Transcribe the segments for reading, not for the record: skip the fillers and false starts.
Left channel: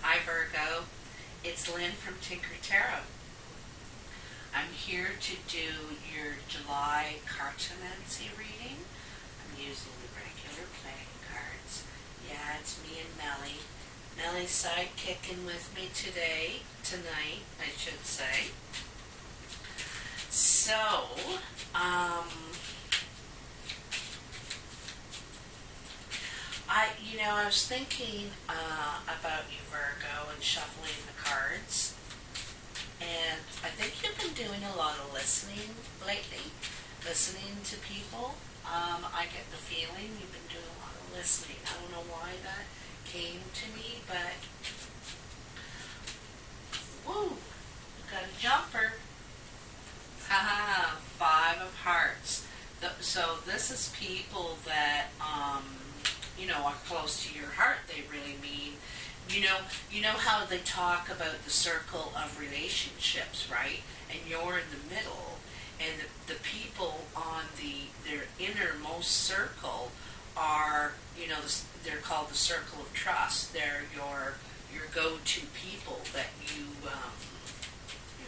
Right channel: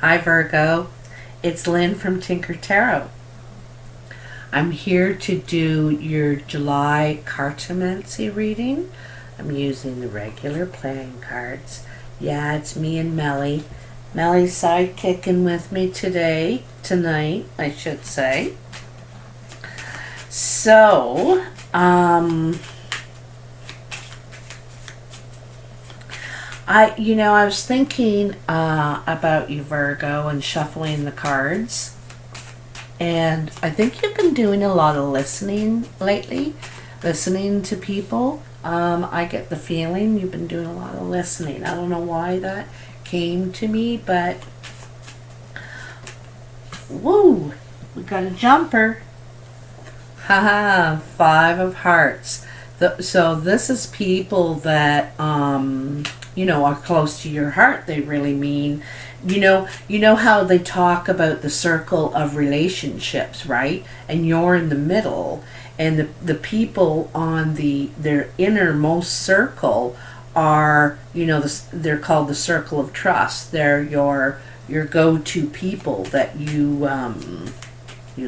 Hi Virgo, it's Lynn from Tinker Tarot. I'm here to do your July Cartomancy reading. I'm using the regular playing cards. Yeah, it's me and Melly. Melly's sidekicking with me tonight, I should say. So, I was thinking about you, Virgo, and shuffling the cards. And I think you've been doing a lot of listening lately, listening to people. I get the feeling you've been doing a lot of listening. I don't know why that came to me, but whoa, we got a jumper. Haha, 5 of Hearts. So this is people that are close to your heart. They really mean, you know how they talk about the circle of relationships, right? And you're in the middle, and the people on their innermost circle are, they're called the circle of trust. They're your go-to people that you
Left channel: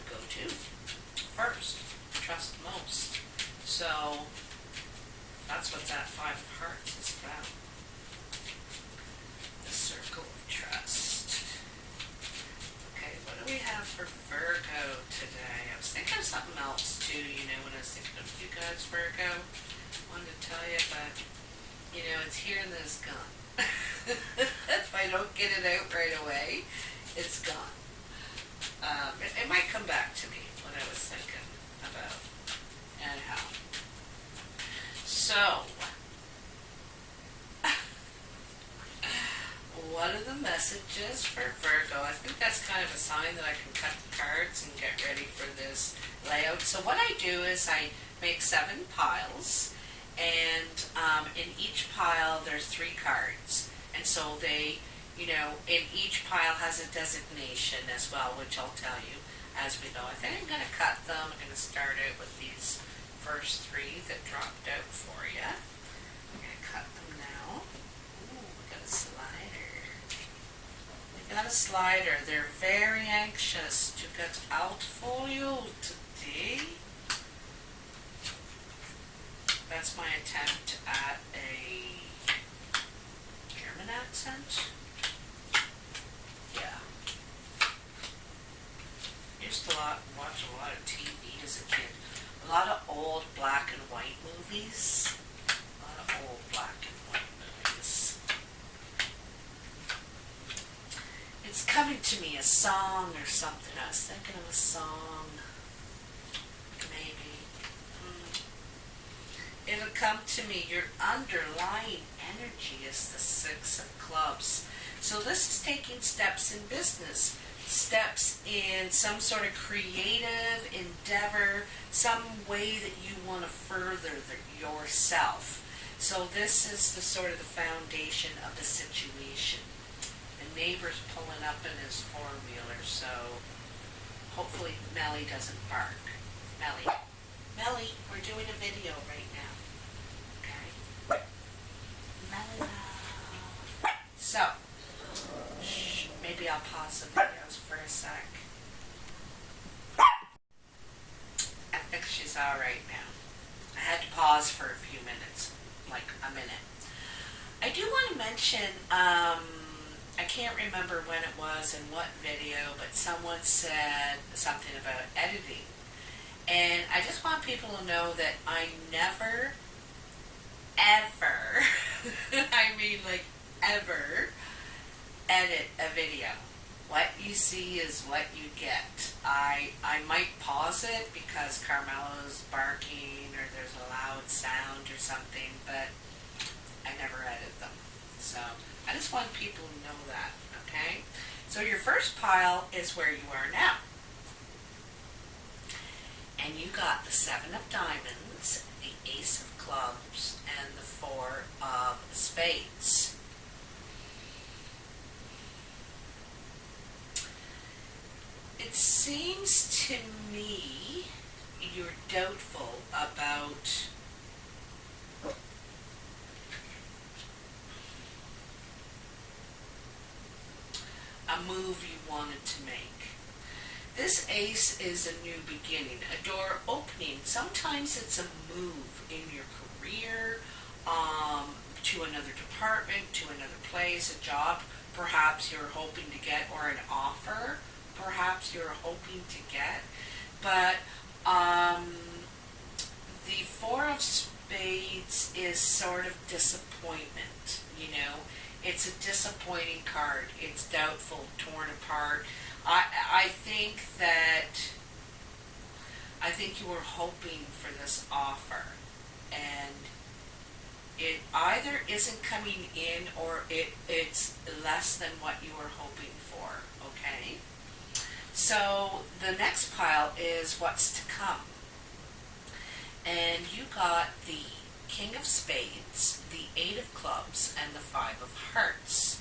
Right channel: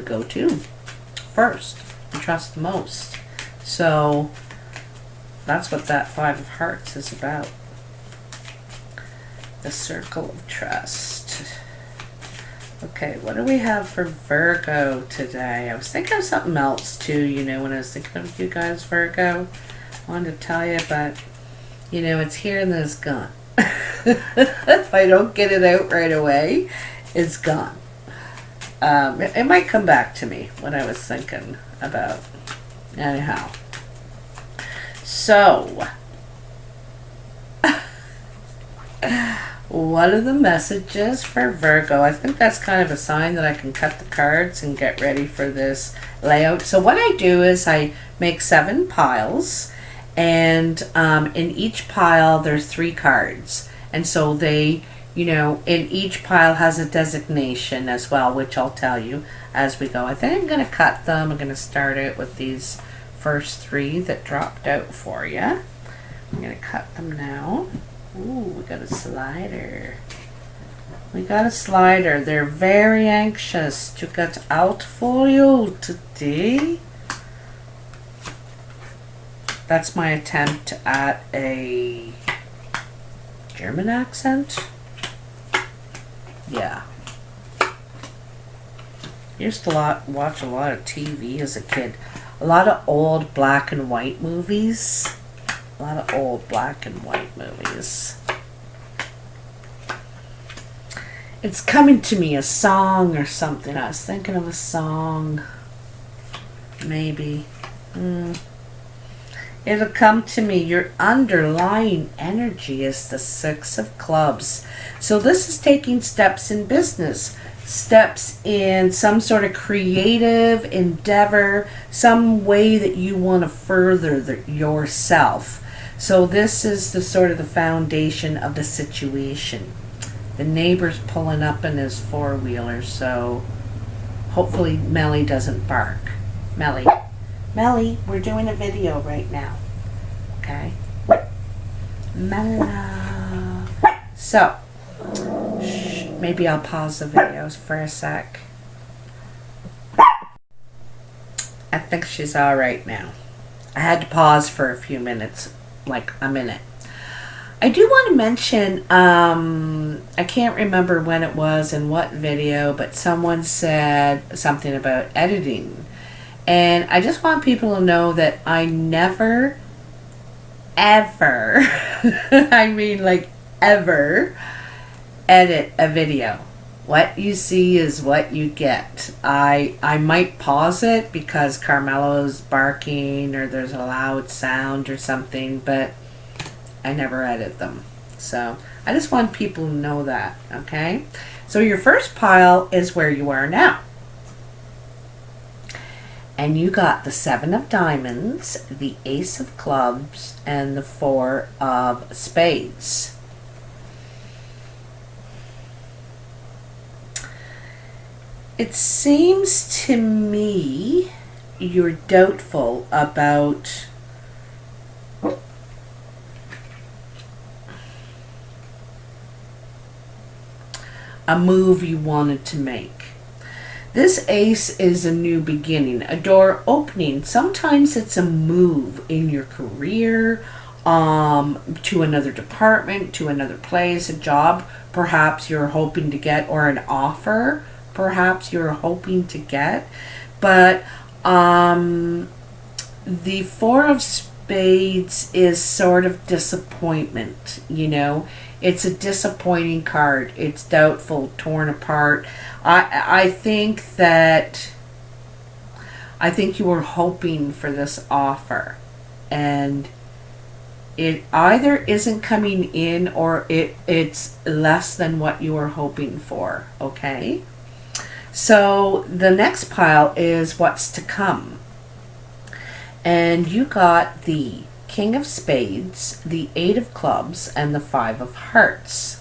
go to first and trust most. So that's what that 5 of Hearts is about. The circle of trust. Okay, what do we have for Virgo today? I was thinking of something else too, when I was thinking of you guys, Virgo. I wanted to tell you, but it's here and then it's gone. If I don't get it out right away, it's gone. It might come back to me, what I was thinking about. Anyhow. So, what are the messages for Virgo? I think that's kind of a sign that I can cut the cards and get ready for this layout. So what I do is I make 7 piles, and in each pile there's 3 cards. And so they, in each pile has a designation as well, which I'll tell you as we go. I think I'm going to cut them. I'm going to start out with these first 3 that dropped out for you. I'm going to cut them now. Ooh, we got a slider. We got a slider. They're very anxious to get out for you today. That's my attempt at a German accent. Yeah. Used to watch a lot of TV as a kid. A lot of old black and white movies. A lot of old black and white movies. It's coming to me, a song or something. I was thinking of a song. Maybe. It'll come to me. Your underlying energy is the 6 of Clubs. So this is taking steps in business. Steps in some sort of creative endeavor. Some way that you want to further yourself. So this is the sort of the foundation of the situation. The neighbor's pulling up in his 4-wheeler, so hopefully Melly doesn't bark. Melly, we're doing a video right now. Okay? Mella. So, maybe I'll pause the videos for a sec. I think she's alright now. I had to pause for a few minutes. Like a minute. I do want to mention, I can't remember when it was and what video, but someone said something about editing. And I just want people to know that I never, ever, I mean like ever, edit a video. What you see is what you get. I might pause it because Carmelo's barking or there's a loud sound or something, but I never edit them. So I just want people to know that, okay? So your first pile is where you are now. And you got the 7 of Diamonds, the Ace of Clubs, and the 4 of Spades. It seems to me you're doubtful about a move you wanted to make. This ace is a new beginning, a door opening. Sometimes it's a move in your career, to another department, to another place, a job perhaps you're hoping to get, or an offer perhaps you're hoping to get. But the Four of Spades is sort of disappointment, you know. It's a disappointing card. It's doubtful, torn apart. I think that you were hoping for this offer, and it either isn't coming in, or it's less than what you were hoping for. Okay, so the next pile is what's to come, and you got the King of Spades, the Eight of Clubs, and the Five of Hearts.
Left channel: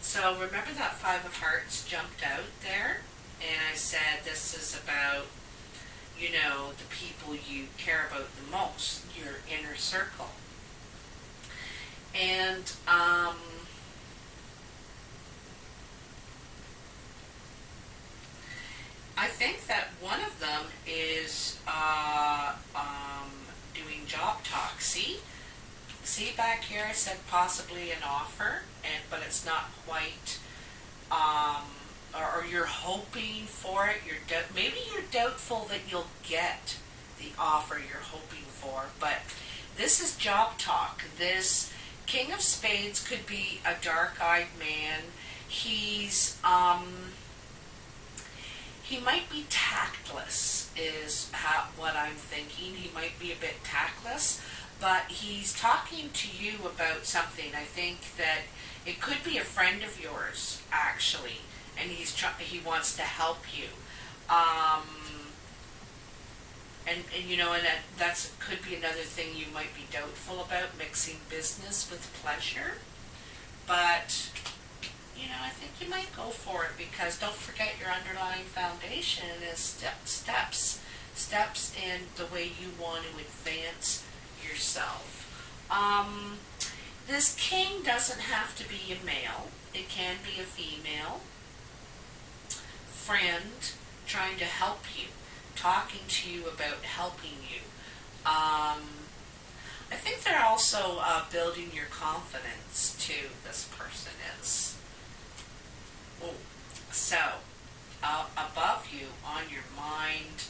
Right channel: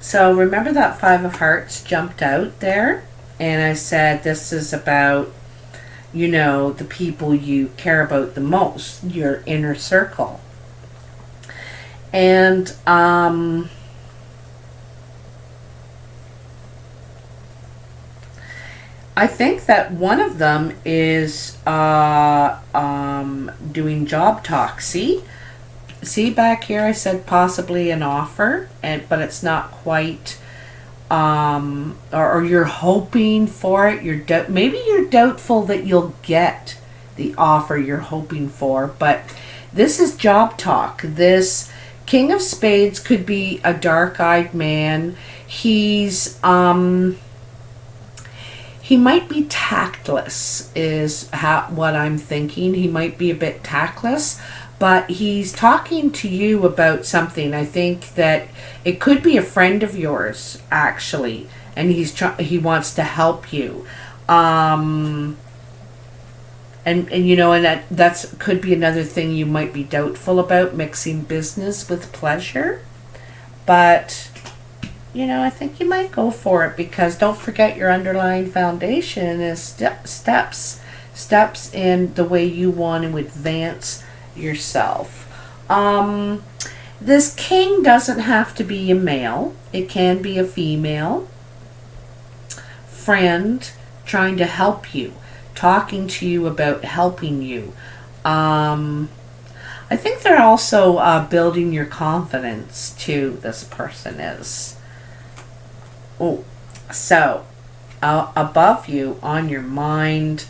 So remember that Five of Hearts jumped out there, and I said this is about, you know, the people you care about the most, your inner circle. And I think that one of them is doing job talk. See back here I said possibly an offer, but it's not quite, or you're hoping for it. Maybe you're doubtful that you'll get the offer you're hoping for, but this is job talk. This King of Spades could be a dark-eyed man. He's he might be tactless, is what I'm thinking. He might be a bit tactless, but he's talking to you about something. I think that it could be a friend of yours, actually, and he wants to help you. And you know, and that's could be another thing you might be doubtful about, mixing business with pleasure. But you know, I think you might go for it, because don't forget your underlying foundation is steps in the way you want to advance yourself. This king doesn't have to be a male. It can be a female friend trying to help you, talking to you about helping you. I think they're also building your confidence too, this person is. Oh, so above you on your mind,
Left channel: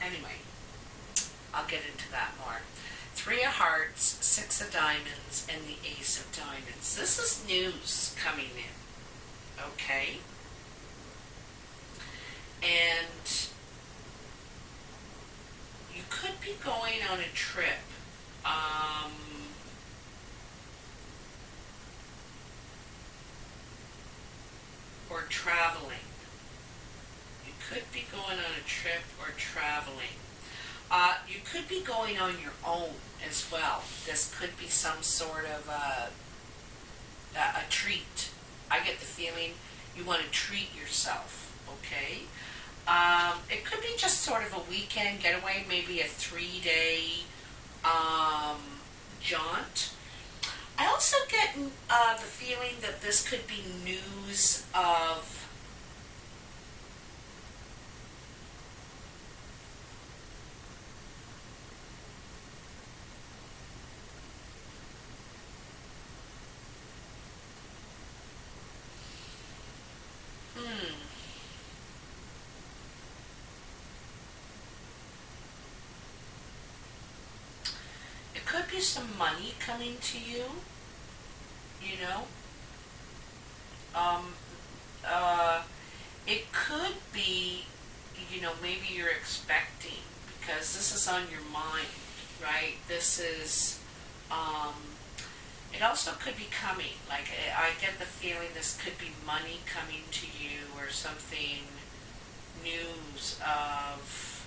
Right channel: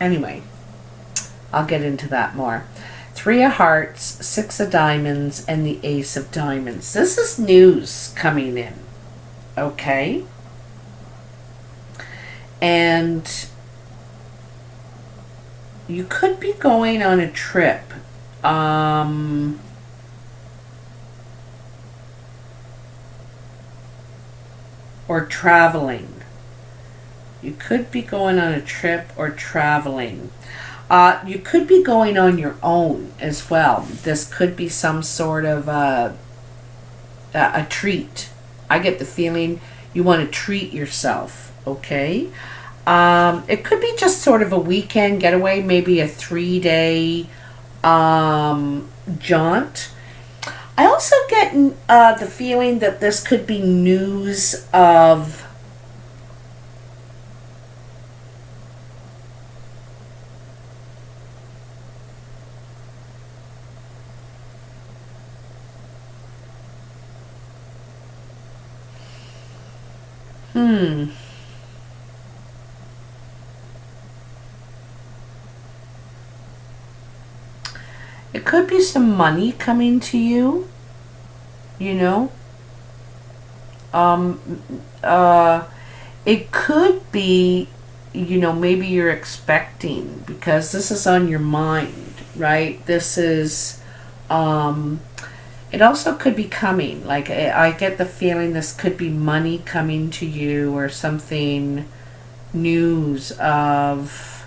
anyway, I'll get into that more. Three of Hearts, Six of Diamonds, and the Ace of Diamonds. This is news coming in, okay? And you could be going on a trip. Or traveling. You could be going on a trip or traveling. You could be going on your own as well. This could be some sort of a treat. I get the feeling you want to treat yourself, okay? It could be just sort of a weekend getaway, maybe a 3-day jaunt. I also get the feeling that this could be news of it could be some money coming to you, you know. It could be, you know, maybe you're expecting, because this is on your mind, right? This is, it also could be coming. Like, I get the feeling this could be money coming to you, or something, news of,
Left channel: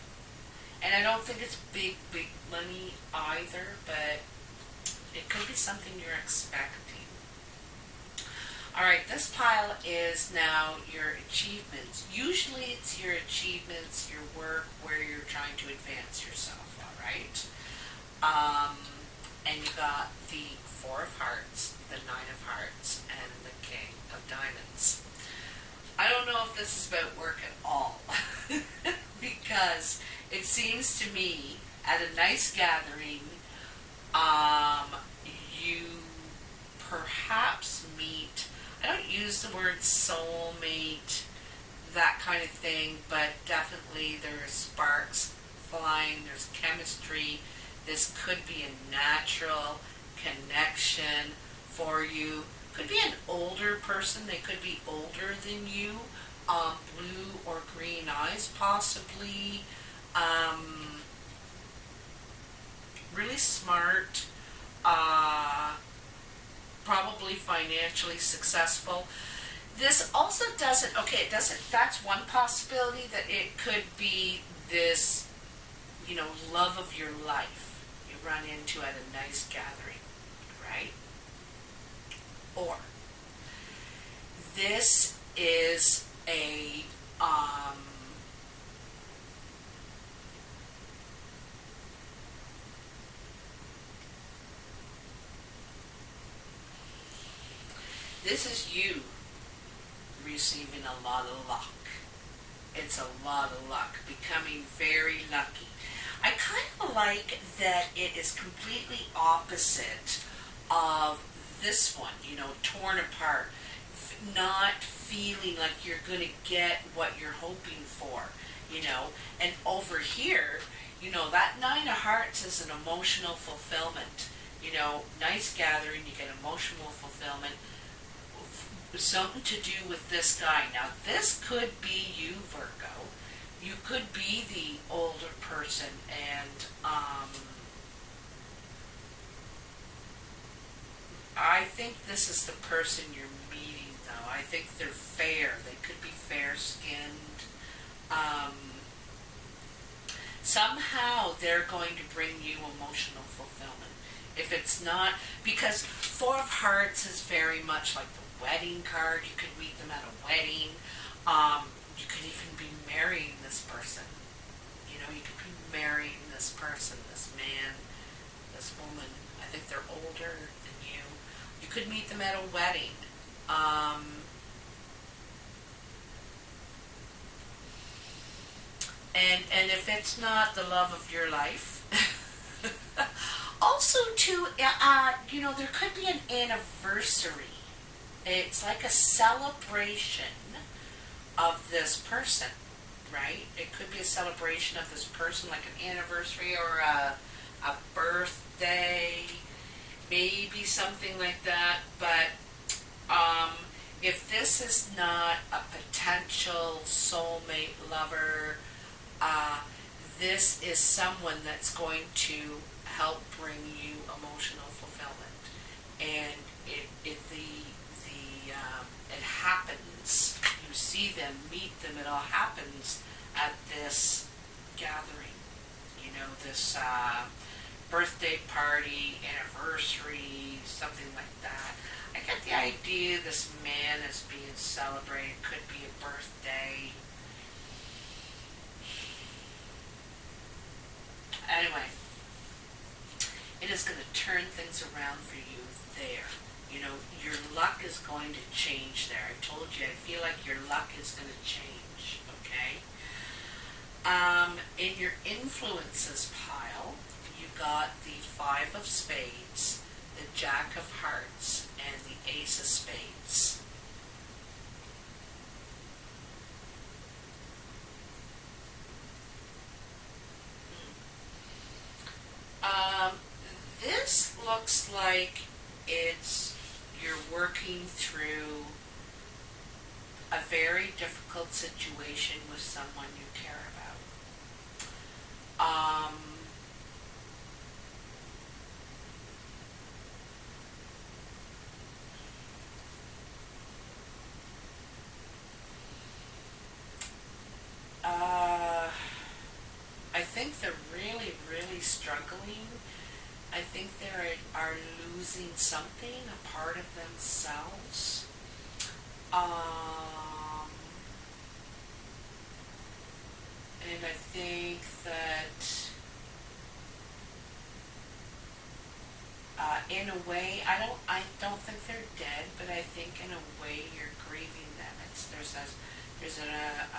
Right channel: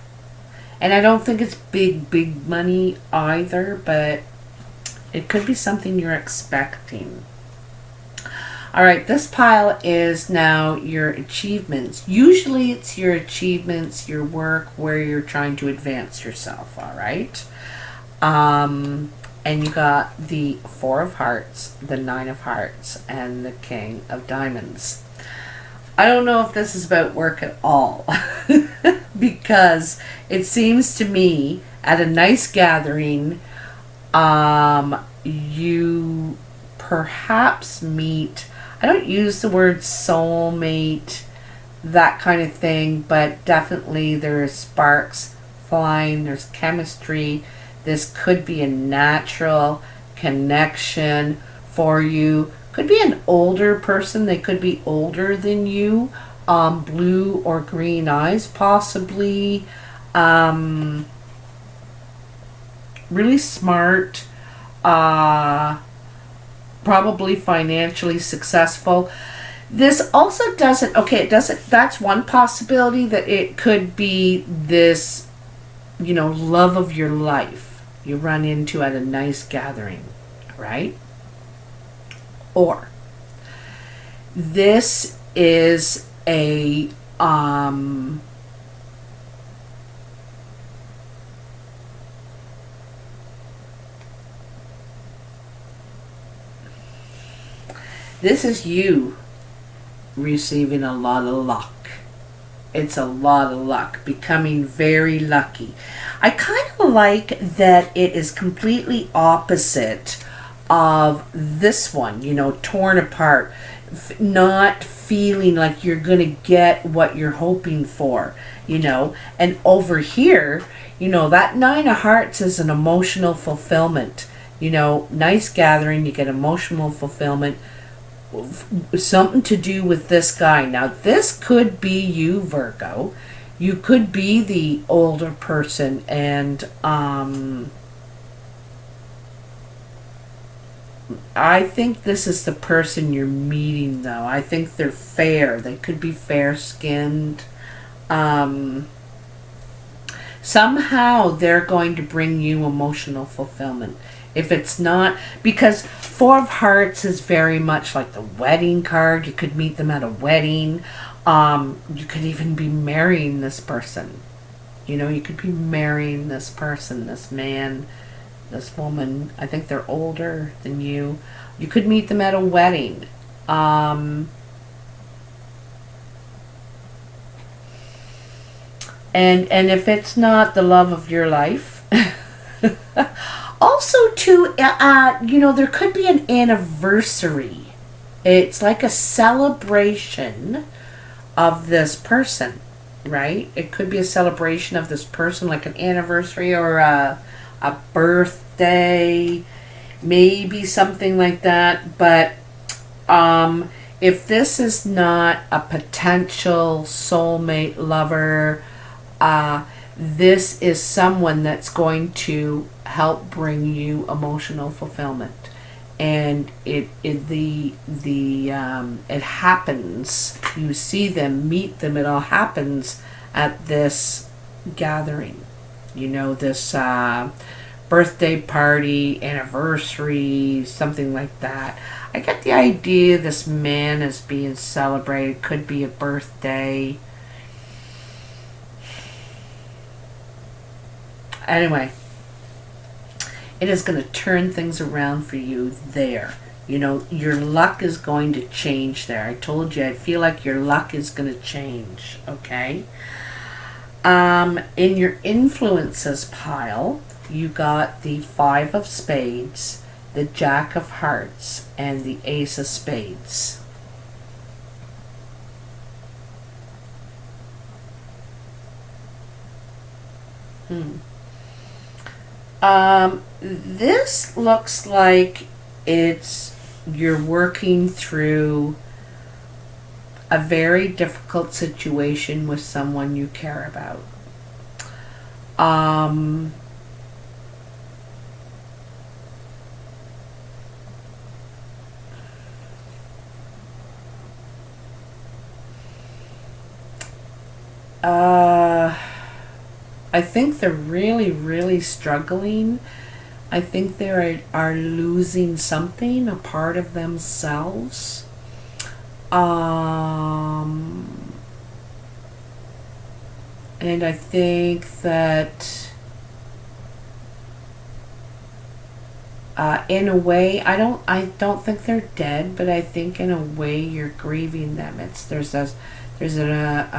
and I don't think it's big money either, but it could be something you're expecting. All right, this pile is now your achievements. Usually it's your achievements, your work, where you're trying to advance yourself, all right? And you got the Four of Hearts, the Nine of Hearts, and the King of Diamonds. I don't know if this is about work at all. Because it seems to me at a nice gathering, you perhaps meet, I don't use the word soulmate, that kind of thing, but definitely there's sparks flying, there's chemistry. This could be a natural connection for you. Could be an older person, they could be older than you, blue or green eyes possibly, really smart, probably financially successful. This also doesn't, okay, it doesn't, that's one possibility, that it could be this, love of your life you run into at a nice gathering, right? Or this is a, this is you receiving a lot of luck. It's a lot of luck, becoming very lucky. I kind of like that it is completely opposite of this one, torn apart, not feeling like you're going to get what you're hoping for, and over here, that Nine of Hearts is an emotional fulfillment. Nice gathering, you get emotional fulfillment, something to do with this guy. Now, this could be you, Virgo. You could be the older person, and I think this is the person you're meeting, though. I think they're fair. They could be fair-skinned. Somehow they're going to bring you emotional fulfillment. If it's not, because Four of Hearts is very much like the wedding card. You could meet them at a wedding. You could even be marrying this person. You could be marrying this person, this man, this woman. I think they're older than you. You could meet them at a wedding. And if it's not the love of your life, also too, there could be an anniversary. It's like a celebration of this person, right? It could be a celebration of this person, like an anniversary or a birthday, maybe something like that. But if this is not a potential soulmate the this is someone that's going to help bring you emotional fulfillment, and it happens. You see them, meet them. It all happens at this gathering. This birthday party, anniversary, something like that. I get the idea this man is being celebrated. Could be a birthday. Anyway, it is going to turn things around for you there. Your luck is going to change there. I told you, I feel like your luck is going to change, okay? In your influences pile, you got the Five of Spades, the Jack of Hearts, and the Ace of Spades. This looks like you're working through a very difficult situation with someone you care about. I think they're really, really struggling. I think they are losing something, a part of themselves. And I think that in a way, I don't think they're dead, but I think in a way you're grieving them. There's a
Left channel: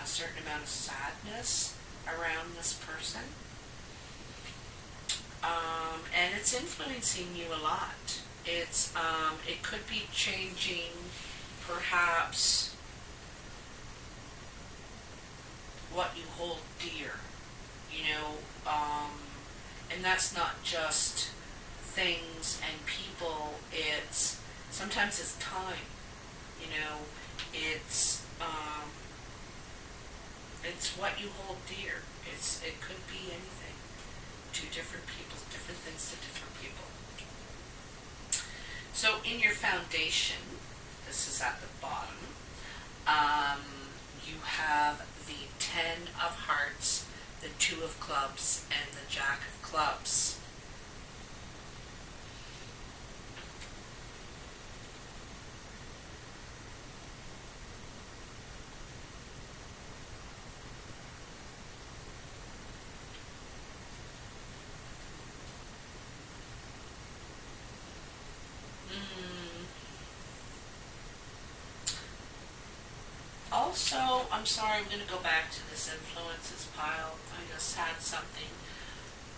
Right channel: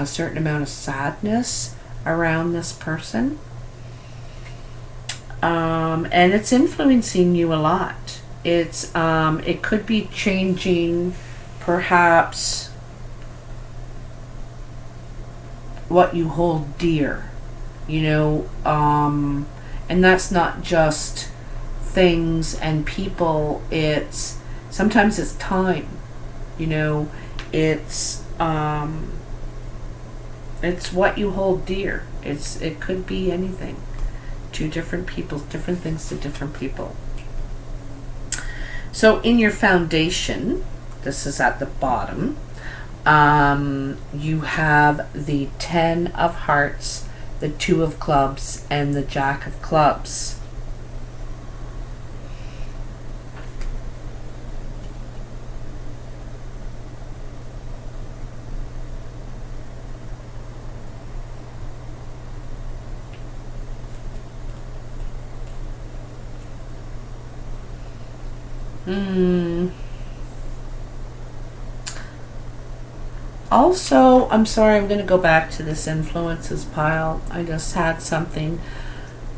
certain amount of sadness around this person, and it's influencing you a lot. It could be changing, perhaps, what you hold dear, and that's not just things and people. Sometimes it's time, it's it's what you hold dear. It could be anything to different people, different things to different people. So in your foundation, this is at the bottom, you have the 10 of hearts, the 2 of clubs, and the Jack of clubs. Also, I'm sorry, I'm going to go back to this influences pile. I just had something.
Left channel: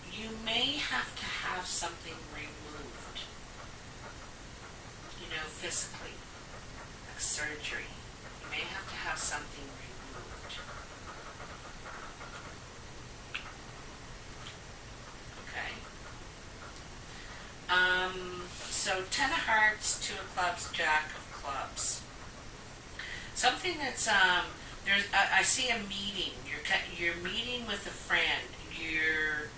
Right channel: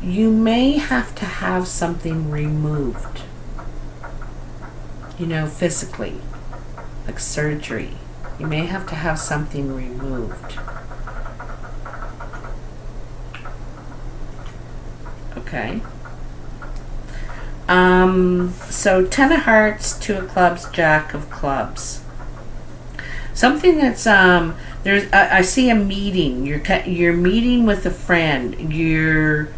You may have to have something removed, physically, like surgery. You may have to have something removed. Okay. So 10 of hearts, 2 of clubs, Jack of clubs. Something that's I see a meeting. You're meeting with a friend. You're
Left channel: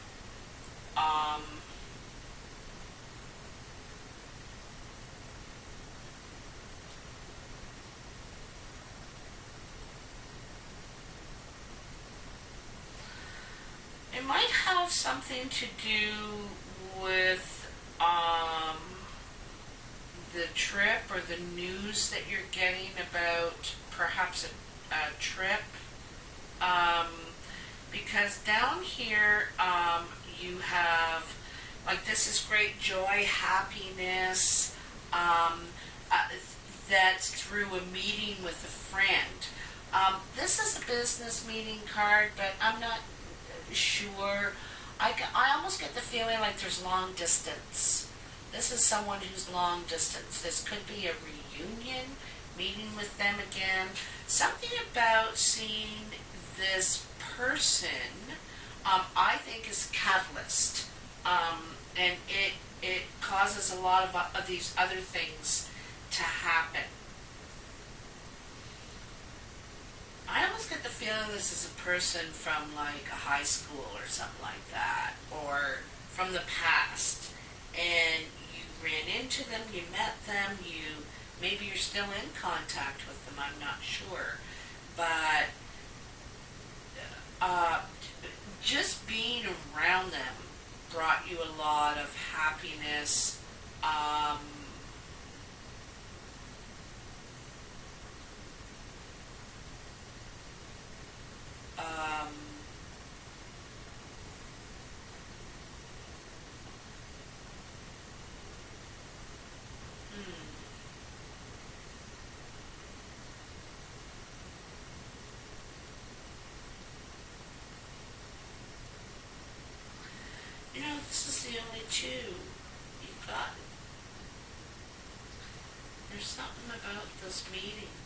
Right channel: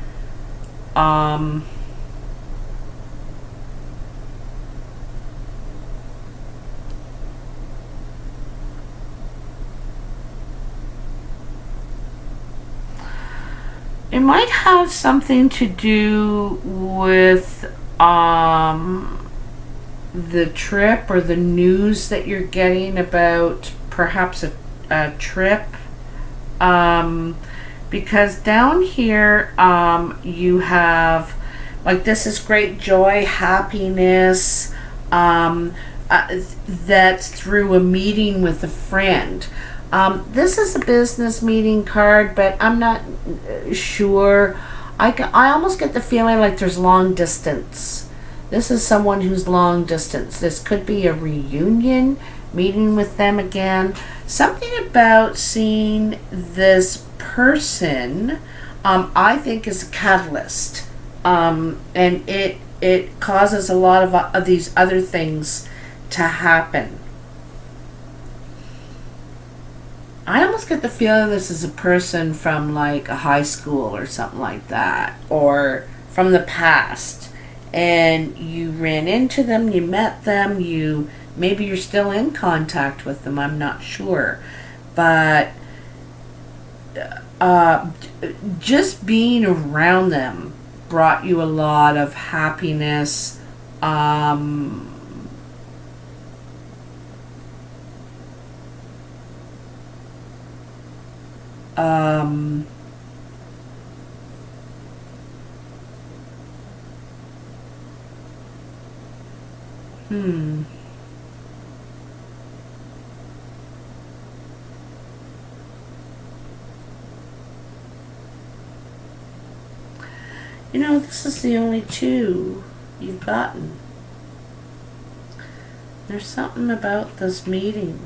it might have something to do with the trip or the news that you're getting about perhaps a trip, because down here you have, like, this is great joy, happiness, that's through a meeting with a friend. This is a business meeting card, but I'm not sure. I almost get the feeling like there's long distance. This is someone who's long distance. This could be a reunion, meeting with them again. Something about seeing this person, I think, is a catalyst. And it causes a lot of these other things to happen. I almost get the feeling this is a person from like a high school or something like that, or from the past. And you ran into them, you met them, maybe you're still in contact with them, I'm not sure. But just being around them brought you a lot of happiness. This is the only 2 you've gotten. There's something about this meeting.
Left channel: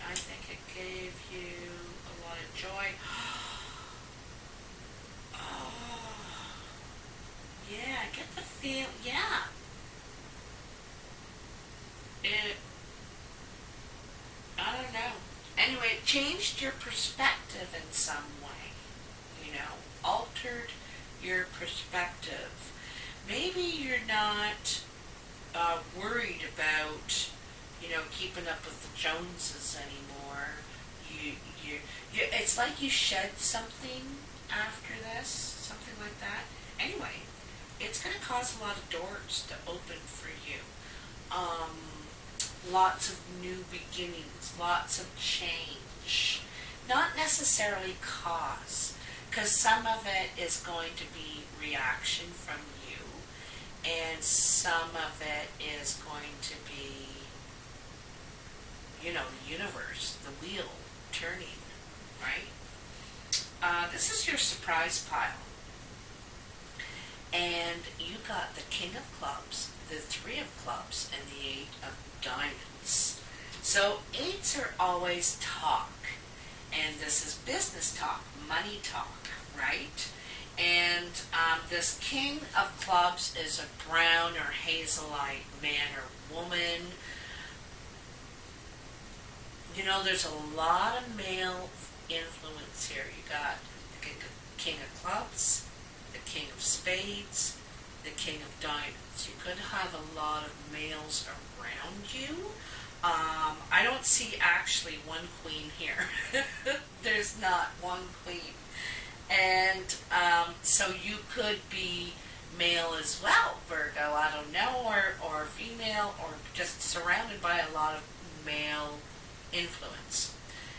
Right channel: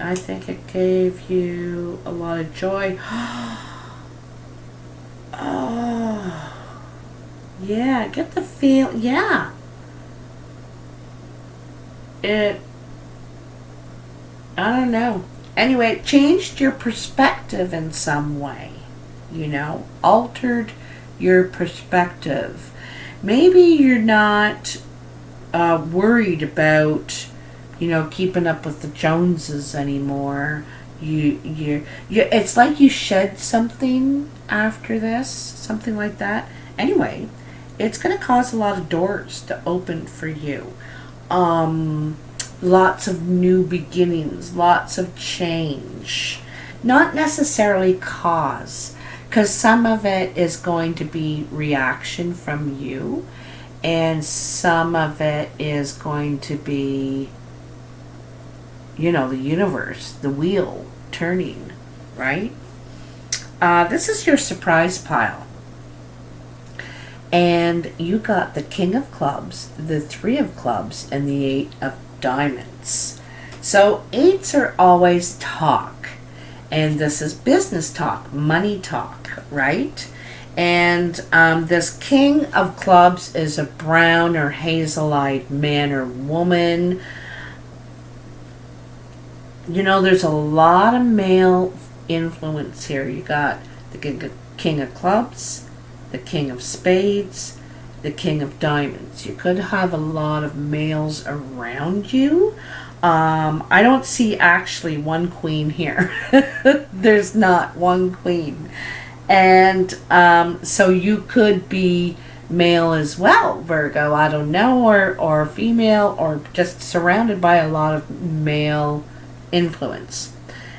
I think it gave you a lot of joy. Oh, yeah, get the feel, yeah. I don't know. Anyway, it changed your perspective in some way, altered your perspective. Maybe you're not worried about, keeping up with the Joneses anymore. It's like you shed something after this, something like that. Anyway, it's going to cause a lot of doors to open for you. Lots of new beginnings, lots of change. Not necessarily cause, because some of it is going to be reaction from you, and some of it is going to be, you know, the universe, the wheel turning, right? This is your surprise pile. And you got the King of Clubs, the Three of Clubs, and the Eight of Diamonds. So eights are always talk. And this is business talk, money talk, right? And this King of Clubs is a brown or hazel-eyed man or woman. You know, there's a lot of male influence here. You got the King of Clubs, the King of Spades, the King of Diamonds. You could have a lot of males around you. I don't see actually one queen here. There's not one queen. And so you could be male as well, Virgo. I don't know, or female, or just surrounded by a lot of male influence.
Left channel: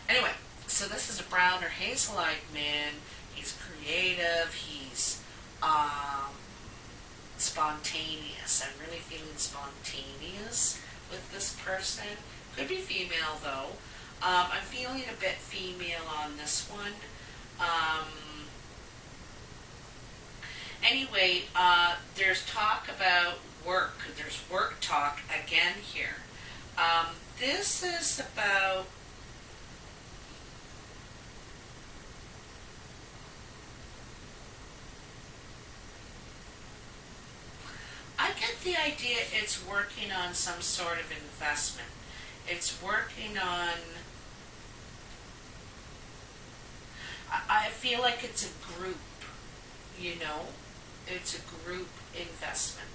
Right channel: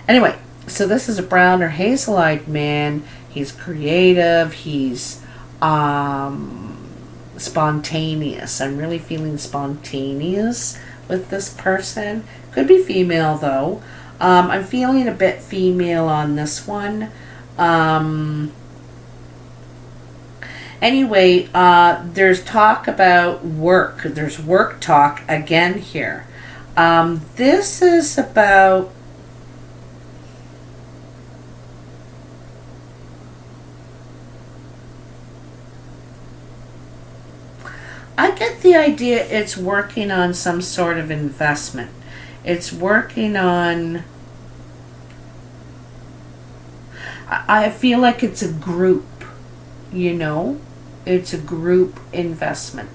Anyway, so this is a brown or hazel-eyed man. He's creative. He's spontaneous. I'm really feeling spontaneous with this person. Could be female though. I'm feeling a bit female on this one. Anyway, there's talk about work. There's work talk again here. This is about I get the idea it's working on some sort of investment. It's working on, I feel like it's a group, you know? It's a group investment.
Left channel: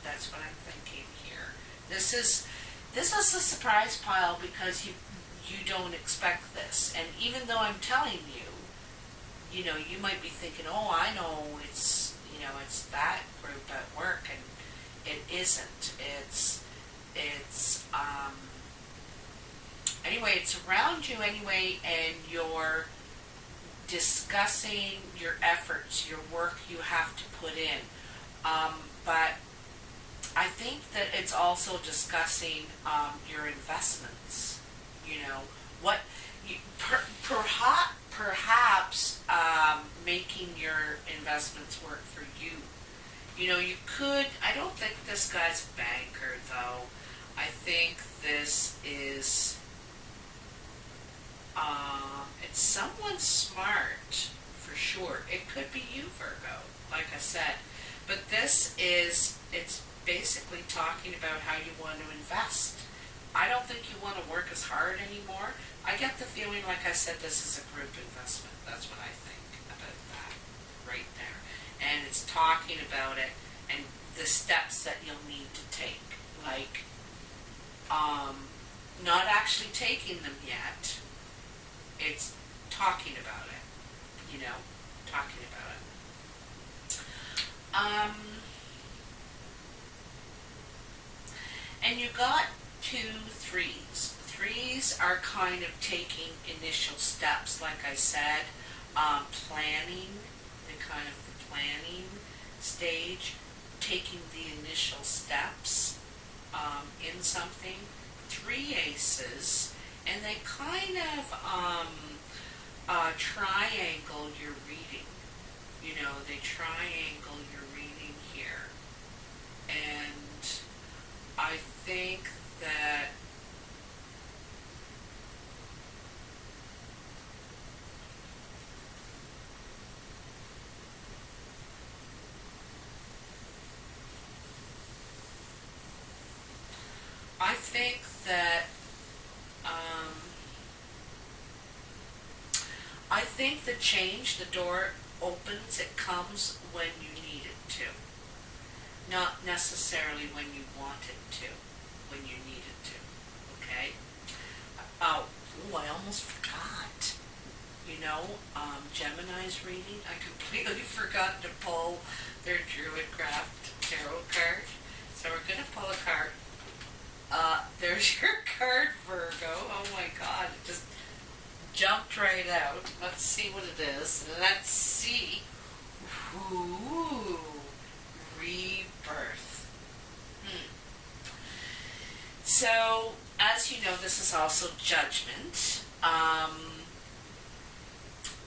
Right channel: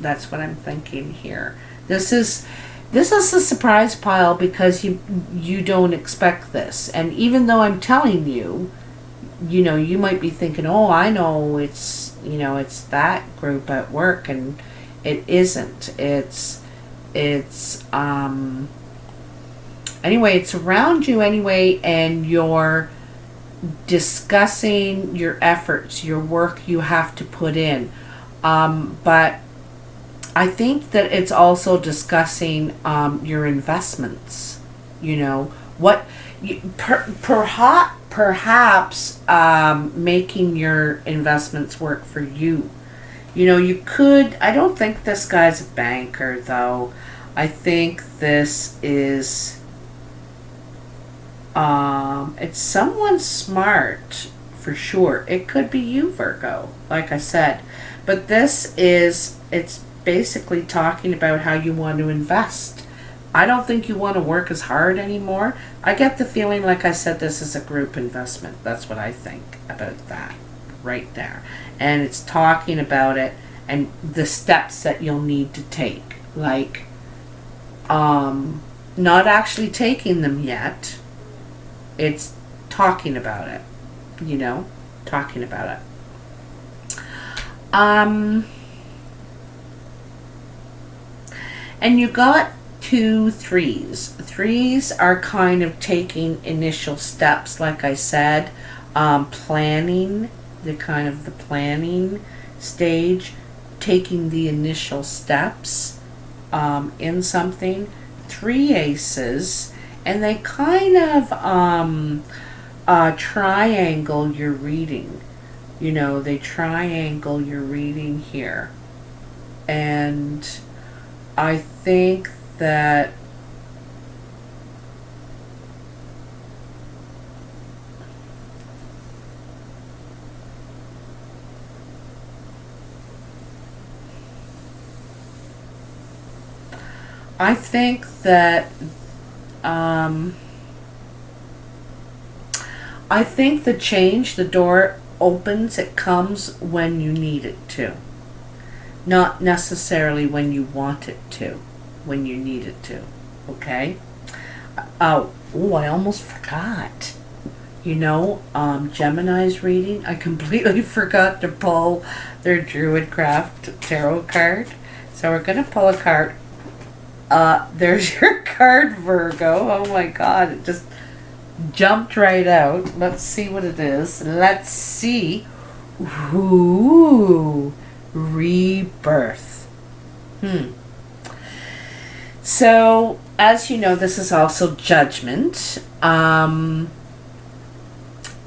That's what I'm thinking here. This is a surprise pile because you don't expect this. And even though I'm telling you, you know, you might be thinking, oh, I know it's, you know, it's that group at work, and it isn't. It's anyway, it's around you anyway, and you're discussing your efforts, your work you have to put in. But I think that it's also discussing your investments, you know, what you, perhaps making your investments work for you. You know, you could, I don't think this guy's a banker though. I think this is, it's someone smart for sure. It could be you, Virgo, like I said. But this is, it's basically talking about how you want to invest. I don't think you want to work as hard anymore. I get the feeling, like I said, this is a group investment. That's what I think about that right there. And it's talking about it and the steps that you'll need to take. Like, not actually taking them yet. It's talking about it, you know, talking about it. And you got 2 threes. Threes are kind of taking initial steps, like I said, planning, the kind of the planning stage, taking the initial steps in something. 3 aces, and they kind of triangle your reading. You know, they triangle your reading here. And I think that I think the change, the door opens, it comes when you need it to. Not necessarily when you want it to, when you need it to, okay? Oh, I almost forgot. You know, Gemini's reading, I completely forgot to pull their Druid Craft tarot card. So we're going to pull a card. There's your card, Virgo. Oh my God, it just jumped right out. Let's see what it is. Let's see. Ooh, rebirth. So, as you know, this is also judgment. I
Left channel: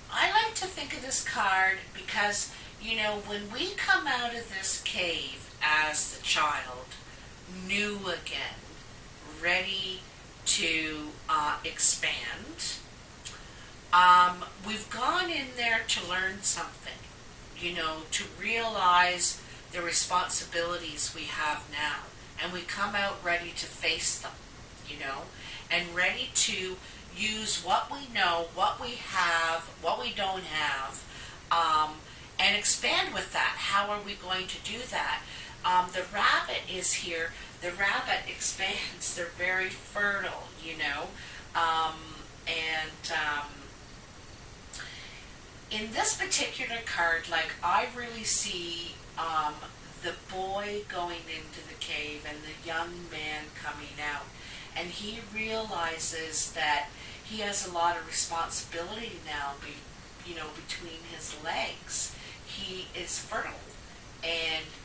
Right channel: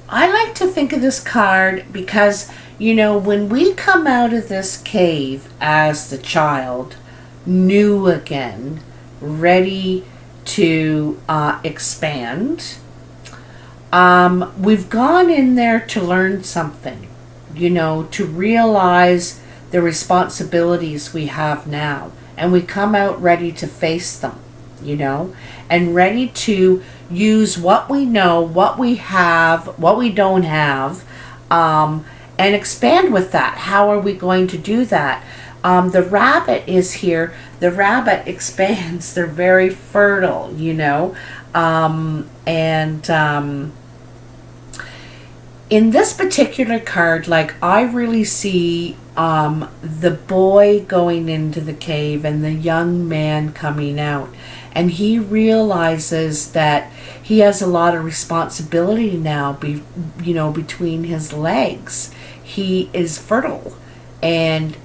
like to think of this card because, you know, when we come out of this cave as the child, new again, ready to expand, we've gone in there to learn something, you know, to realize the responsibilities we have now. And we come out ready to face them, you know, and ready to use what we know, what we have, what we don't have, and expand with that. How are we going to do that? The rabbit is here. The rabbit expands. They're very fertile, you know. In this particular card, like, I really see the boy going into the cave and the young man coming out. And he realizes that he has a lot of responsibility now, you know, between his legs. He is fertile. And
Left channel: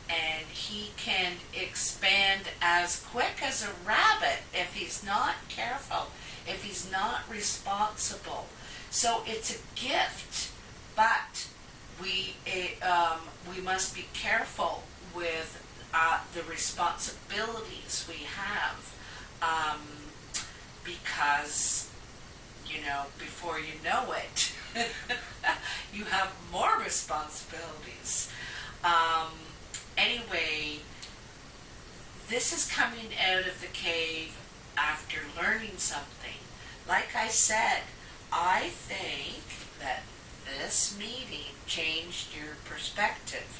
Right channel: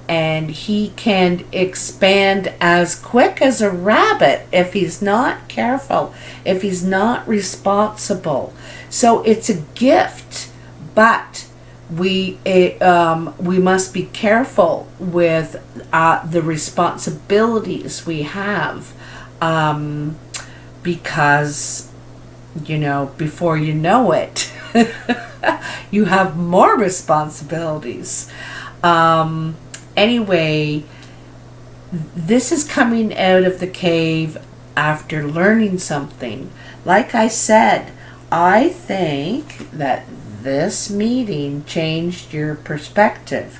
he can expand as quick as a rabbit if he's not careful, if he's not responsible. So it's a gift, but we must be careful with the responsibilities we have, because, you know, before you know it, you have more responsibilities. Anyway, this is coming out of the cave after learning something. Like I said, I think that this meeting changed your perspective,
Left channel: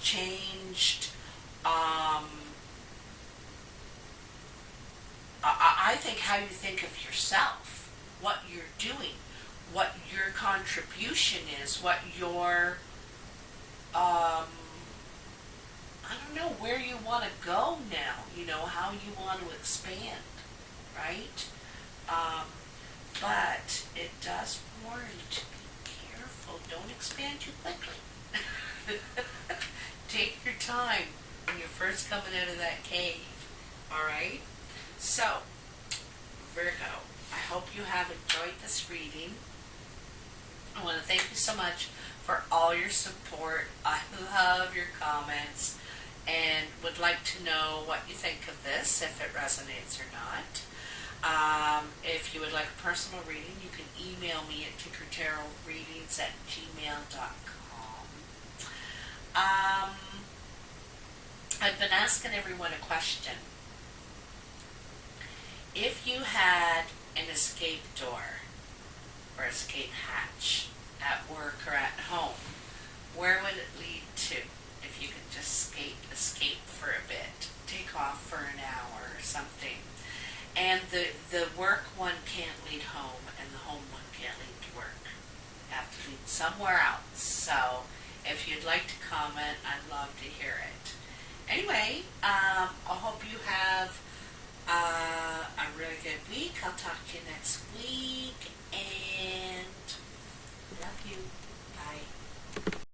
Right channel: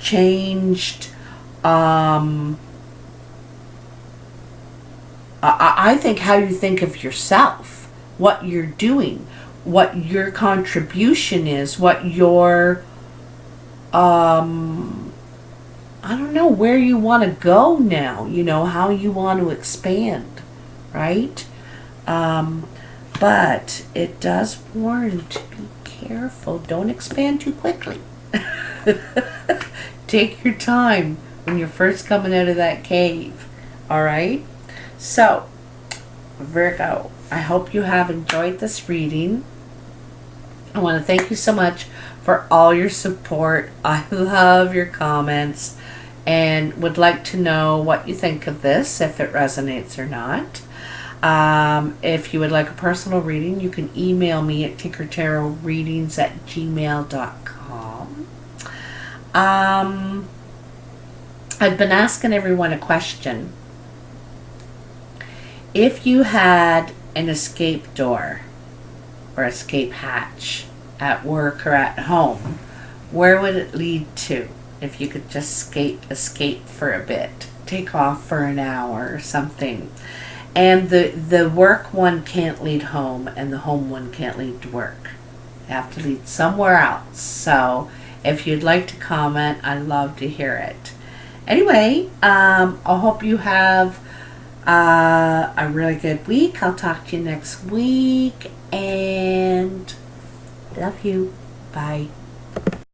changed, I think how you think of yourself, what you're doing, what your contribution is, what your, I don't know, where you want to go now, you know, how you want to expand, right? But it does warn to be careful. Don't expand too quickly. Take your time when you're first coming out of that cave, all right? So, Virgo, I hope you have enjoyed this reading. I want to thank you so much for all your support. I love your comments and would like to know what you think of this, if it resonates or not. If you would like a personal reading, you can email me at tinkertarotreadings@gmail.com. I've been asking everyone a question. If you had an escape door or escape hatch at work or at home, where would it lead to if you could just escape for a bit, take off for an hour or something? And the work one can't lead home and the home one can't lead to work. They have to lead somewhere else. So if you'd like to comment, I'd love to hear it. Anyway, I hope you have a really good week. I'll talk to you next week, and love you. Bye.